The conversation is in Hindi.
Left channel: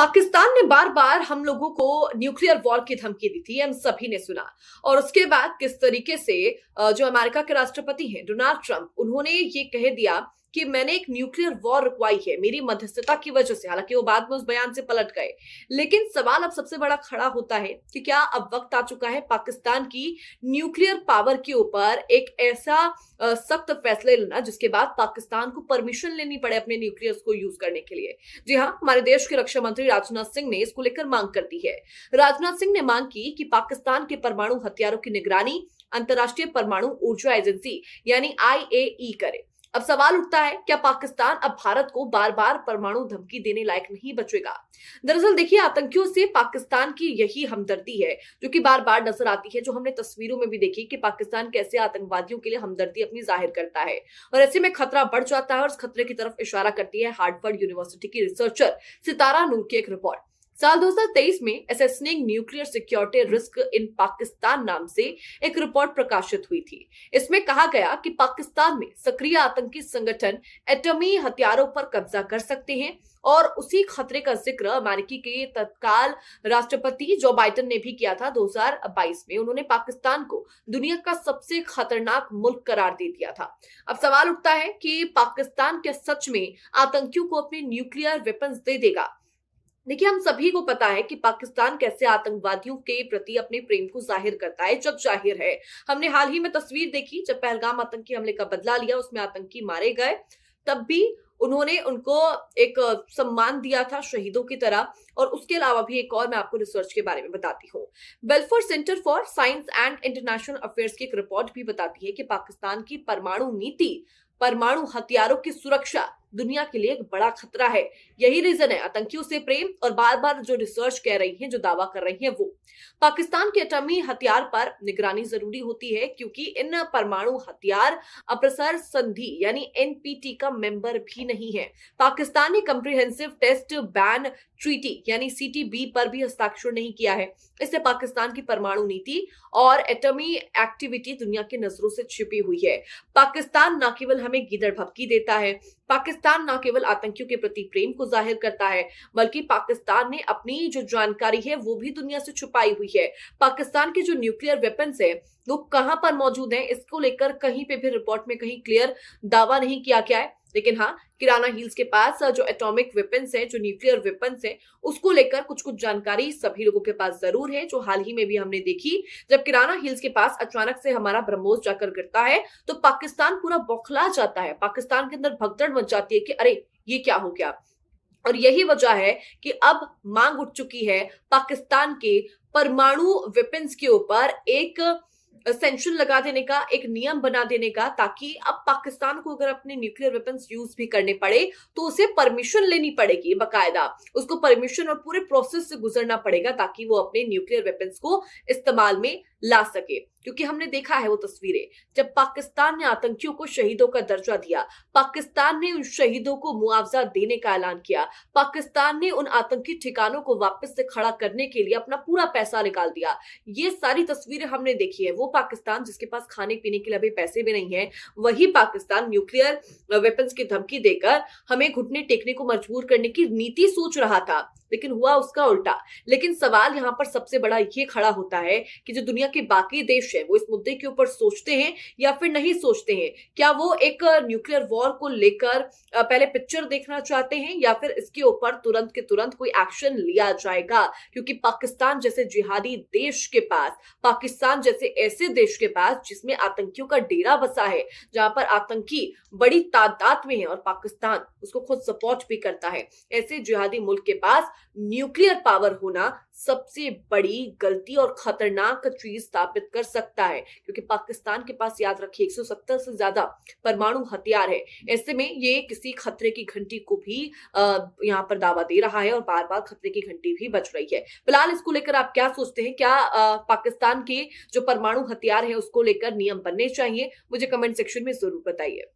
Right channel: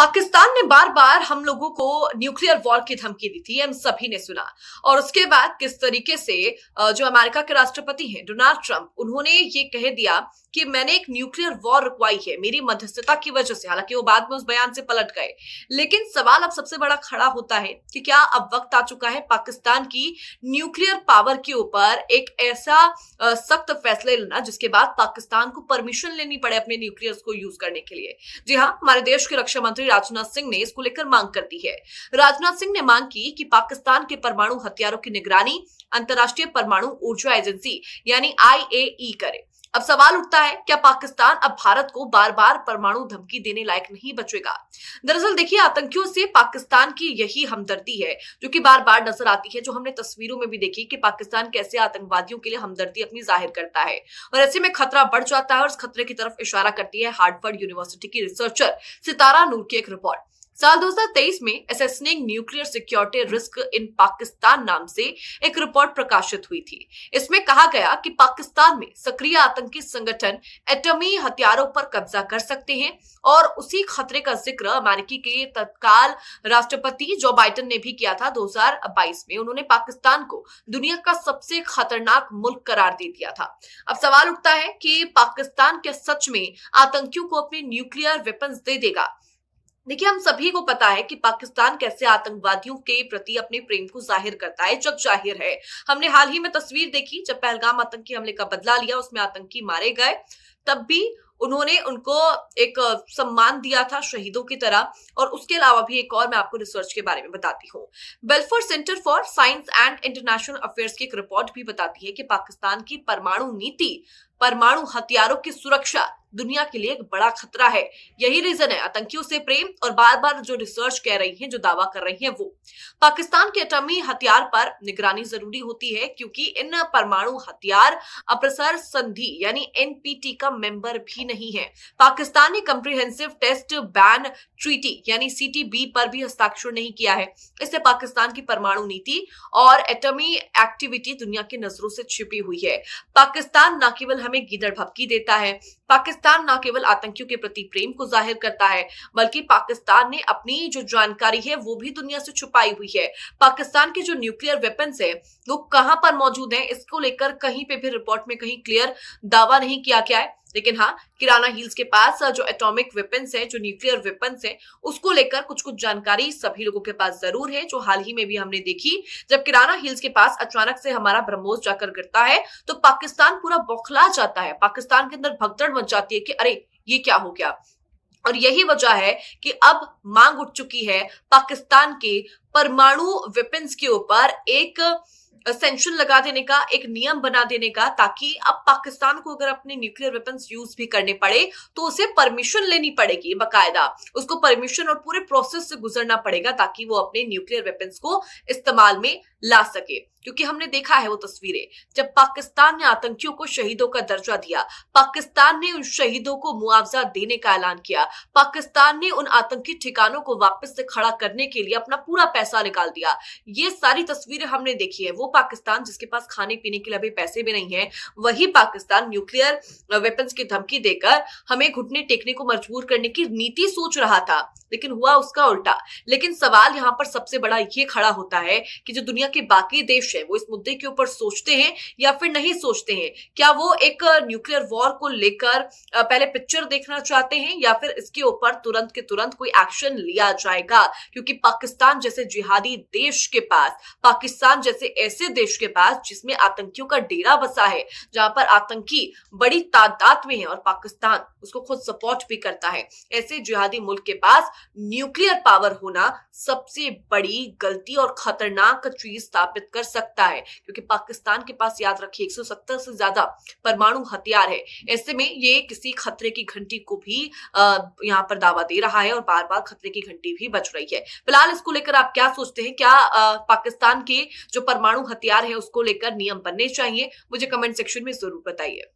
पाकिस्तान ने बार बार हम लोगों को न्यूक्लियर वॉर की धमकी दी थी, हम सभी ने सुना। और उसके बाद किस तरीके से जो अमेरिका के राष्ट्रपति हैं डोनाल्ड ट्रंप, उन्होंने ये कह दिया कि मैंने एक न्यूक्लियर वॉर रुकवाई है मेरी मध्यस्थता की वजह से। हालांकि वो बाद में उस बयान से पलट गए, लेकिन सवाल अब सबसे बड़ा खड़ा होता है कि क्या अब वक्त आ चुका है पाकिस्तान की न्यूक्लियर पावर के ऊपर एक ऐसा सख्त फैसले लेना जिसके बाद पाकिस्तान को परमिशन लेनी पड़े अपने न्यूक्लियर को यूज करने के लिए। जी हाँ, हमारे देश के रक्षा मंत्री राजनाथ सिंह ने इसको लेकर मांग कर दी है। राजनाथ सिंह ने मांग की कि पाकिस्तान के परमाणु हथियारों की निगरानी अंतर्राष्ट्रीय परमाणु ऊर्जा एजेंसी यानी आईएई करे। अब सवाल उठता है, क्या पाकिस्तान अब भारत को बार बार परमाणु धमकी देने लायक नहीं बचेगा? दरअसल देखिए, आतंकियों से पाकिस्तान की यही हमदर्दी है जो कि बार बार नजर आती है, जो हमने तस्वीरों में भी देखी कि पाकिस्तान कैसे आतंकवादियों के लिए हमदर्दी अपनी जाहिर करता है। और ऐसे में खतरा बढ़ जाता है और इस खतरे की तरफ इशारा करती है हार्वर्ड यूनिवर्सिटी की रिसर्चर सितारा नूर की एक रिपोर्ट। साल 2023 में assessing nuclear security risk in Pakistan नाम से एक रिपोर्ट प्रकाशित हुई थी। इसमें कहा गया कि पाकिस्तान में सक्रिय आतंकी संगठन एटमी हथियारों पर कब्जा कर सकते हैं। और उसी खतरे का जिक्र अमेरिकी के तत्काल राष्ट्रपति जो बाइडेन ने भी किया था 2022 में। उन्होंने पाकिस्तान को दुनिया का सबसे खतरनाक मुल्क करार दे दिया था। अब सवाल उठता है कि पाकिस्तान क्या सच में आतंकियों को अपने न्यूक्लियर वेपन्स दे देगा? देखिए, हम सभी को पता है कि पाकिस्तान कैसे आतंकवादियों के प्रति अपने प्रेम को जाहिर करता है, जग जाहिर है। हमने हाल ही में तस्वीर देखी जब पहलगाम आतंकी हमले का बदला लिया, उसमें आतंकी मारे गए, तब भी उन्होंने उनको एक सम्मान दिया था शहीदों की तरह। और उसके अलावा भी एक और मैं आपको रिसर्च के बारे में बताती हूँ। Balfour centre for science and international affairs की एक रिपोर्ट भी बताती है कि पाकिस्तान की परमाणु नीति, परमाणु हथियारों की सुरक्षा दुनिया के लिए एक बड़ा खतरा है। यही रीजन है आतंकियों से प्रेम। और बार बार जो रिसर्च कह रही है, जो दावा कर रही है, वो पाकिस्तान के एटमी हथियार पर निगरानी जरूरी होती है, क्योंकि इन परमाणु हथियार अप्रसार संधि यानी एनपीटी का मेंबर भी नहीं है। पाकिस्तान ने कंप्रिहेंसिव टेस्ट बैन ट्रीटी यानी सीटीबी पर भी हस्ताक्षर नहीं किया है। इससे पाकिस्तान की परमाणु नीति और एटमी एक्टिविटी दुनिया की नजरों से छिपी हुई है। पाकिस्तान न केवल हमें गीदड़ भपकी देता है, पाकिस्तान न केवल आतंकियों के प्रति प्रेम को जाहिर करता है, बल्कि पाकिस्तान ने अपनी जो जानकारी है वो भी दुनिया से छुपाई हुई है। पाकिस्तान के जो न्यूक्लियर वेपन्स है वो कहां पर मौजूद है, इसको लेकर कहीं पे भी रिपोर्ट में कहीं क्लियर दावा नहीं किया गया है। लेकिन हाँ, किराना हिल्स के पास जो एटॉमिक वेपन्स है, जो न्यूक्लियर वेपन्स है, उसको लेकर कुछ कुछ जानकारी सभी लोगों के पास जरूर है, जो हाल ही में भी हमने देखी। जब किराना हिल्स के पास अचानक से हमारा ब्रह्मोस जाकर गिरता है तो पाकिस्तान पूरा बौखला जाता है। पाकिस्तान के अंदर भगदड़ मच जाती है कि अरे ये क्या हो गया। और यही वजह है कि अब मांग उठ चुकी है पाकिस्तान के परमाणु वेपन्स के ऊपर एक सेंक्शन लगा देने का, एक नियम बना देने का, ताकि अब पाकिस्तान को अगर अपने न्यूक्लियर वेपन्स यूज भी करने पड़े तो उसे परमिशन लेनी पड़ेगी, बकायदा उसको परमिशन और पूरे प्रोसेस से गुजरना पड़ेगा ताकि वो अपने न्यूक्लियर वेपन्स को इस्तेमाल में ला सके। क्योंकि हमने देखा है वो तस्वीरें जब पाकिस्तान ने आतंकियों को शहीदों का दर्जा दिया, पाकिस्तान ने उन शहीदों को मुआवजा देने का ऐलान किया, पाकिस्तान ने उन आतंकी ठिकानों को वापस से खड़ा करने के लिए अपना पूरा पैसा निकाल दिया। ये सारी तस्वीरें हमने देखी है। वो पाकिस्तान जिसके पास खाने पीने के लिए अभी पैसे भी नहीं है, वही पाकिस्तान न्यूक्लियर वेपन्स की धमकी देकर हमें घुटने टेकने को मजबूर करने की नीति सोच रहा था, लेकिन हुआ उसका उल्टा। लेकिन सवाल यहाँ पर सबसे बड़ा ये खड़ा होता है कि जो दुनिया के बाकी देश है वो इस मुद्दे के ऊपर सोचते हैं या फिर नहीं सोचते हैं। क्या वो एक न्यूक्लियर वॉर को लेकर पहले पिक्चर देखना चाहते हैं या फिर इसके ऊपर तुरंत के तुरंत कोई एक्शन लिया जाएगा? क्योंकि पाकिस्तान जैसे जिहादी देश के पास, पाकिस्तान जैसे ऐसे देश के पास जिसमें आतंकियों का डेरा बसा है, जहां पर आतंकी बड़ी तादाद में है और पाकिस्तान उसको खुद सपोर्ट भी करता है, ऐसे जिहादी मुल्क के पास न्यूक्लियर पावर होना सबसे बड़ी गलती और खतरनाक चीज साबित कर सकता है। क्योंकि पाकिस्तान के पास, याद रखिए, 170 से ज्यादा परमाणु हथियार है। ऐसे में ये किसी खतरे की घंटी को भी यहाँ पर दावा दे रहा है और बार बार खतरे की घंटी भी बज रही है। फिलहाल इसको लेकर आप क्या सोचते हैं? क्या पाकिस्तान के जो परमाणु हथियार है उसको लेकर नियम बनने चाहिए? मुझे कमेंट सेक्शन में जरूर बताइए।